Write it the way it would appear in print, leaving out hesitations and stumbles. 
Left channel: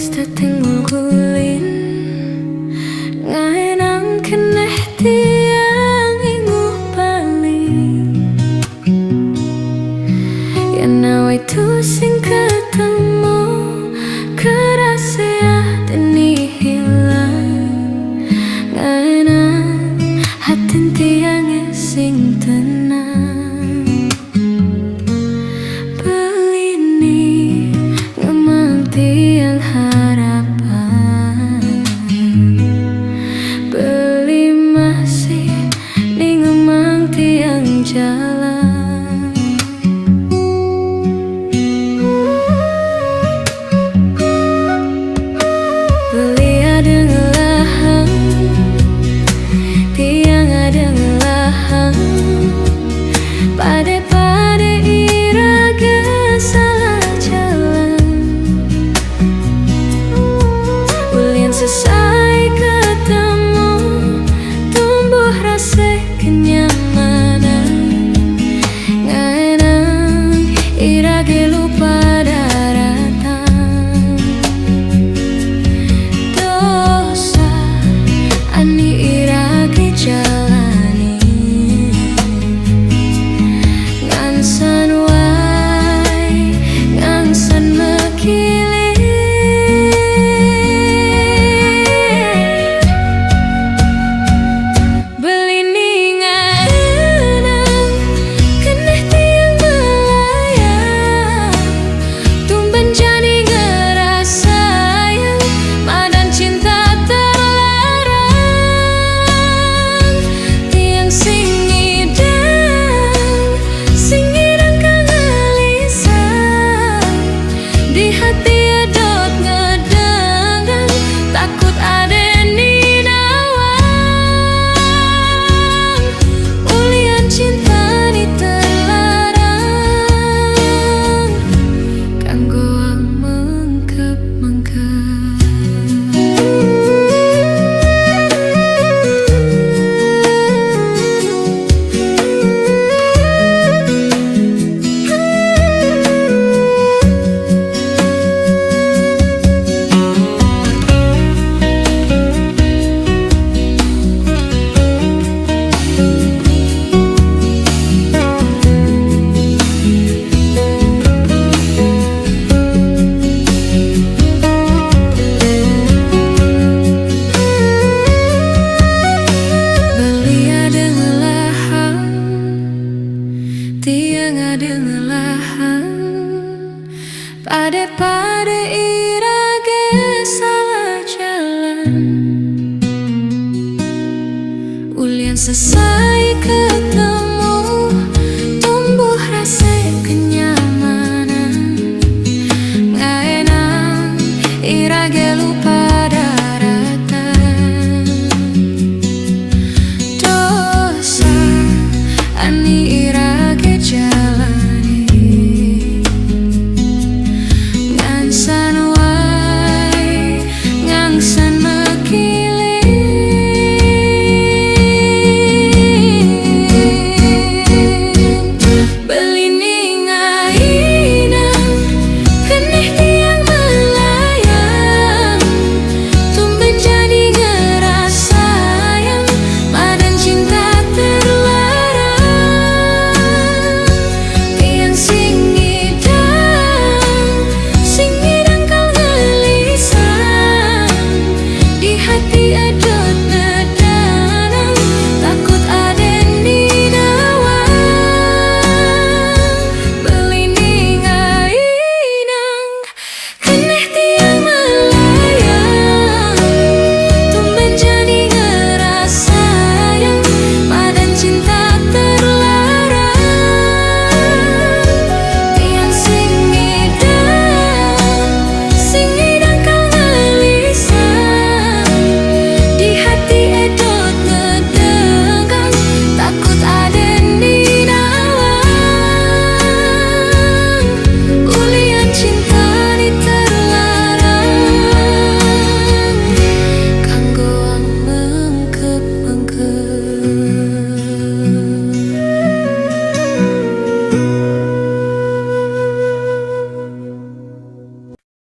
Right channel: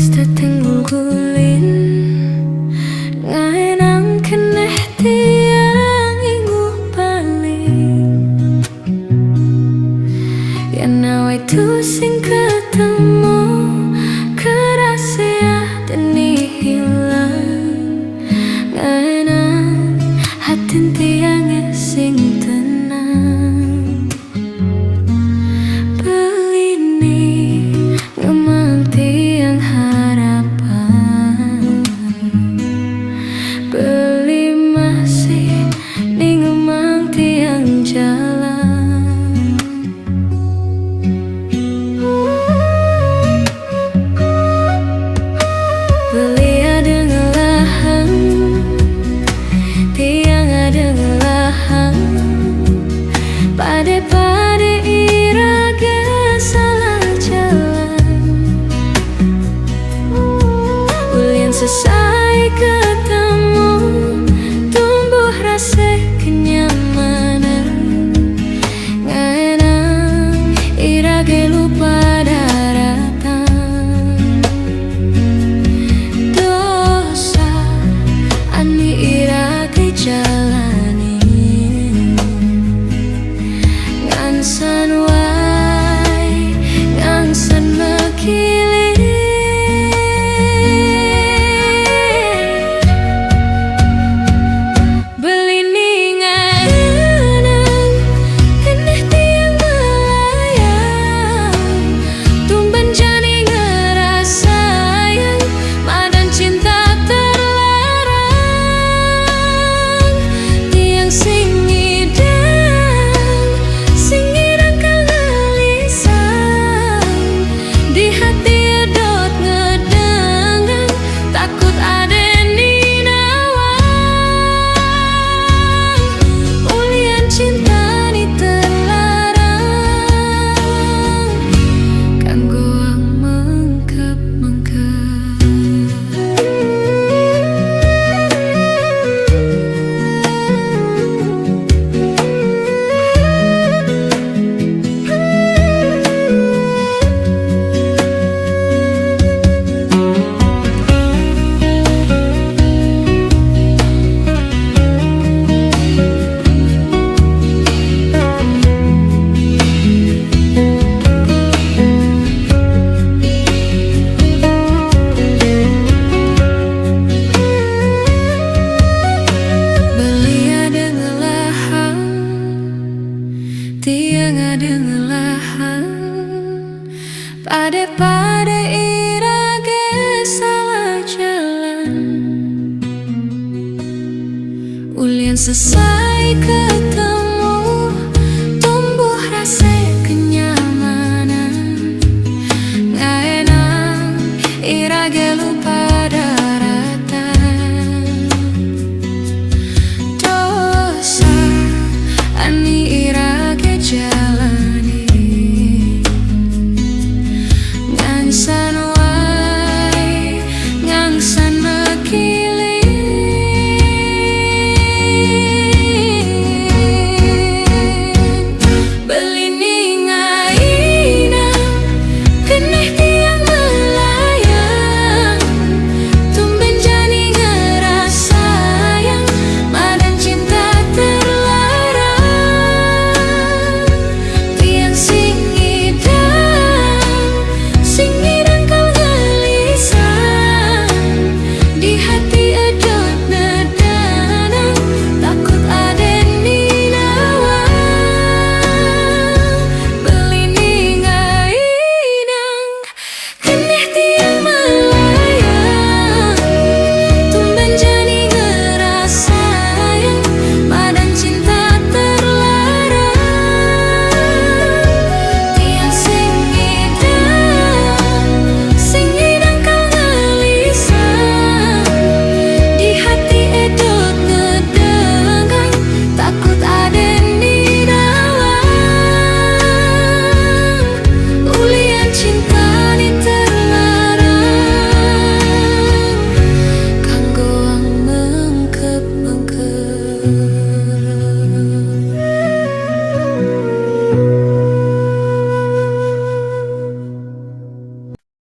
wis dateng gulin ngaenang keneh tiang inguh bali yen nawe tu sing ketemu kerasa deni hilang ngaenang hatin tiang sing tenang belini ngemang tiang harapan beli masih ning ngemang tiang jalan beli ada ngelahang tiang ada ngelahang pade iraga salah jalan ulin selesai ketemu tumbuh rasa kenyamanan ngaenang irage lupa daratan dosa ani irage jalani ngangsan wai ngangsan mekili tiang ada ngelahang pade irage salah jalan ulian selesai ketemu tumbuh rasa kenyamanan ngaenang irage lupa daratan dosa ani irage jalani ngangsan wai ngangsan mekili belini ngainang keneh tiang melayang tumben jani ngerasa yang madan cinta mengkep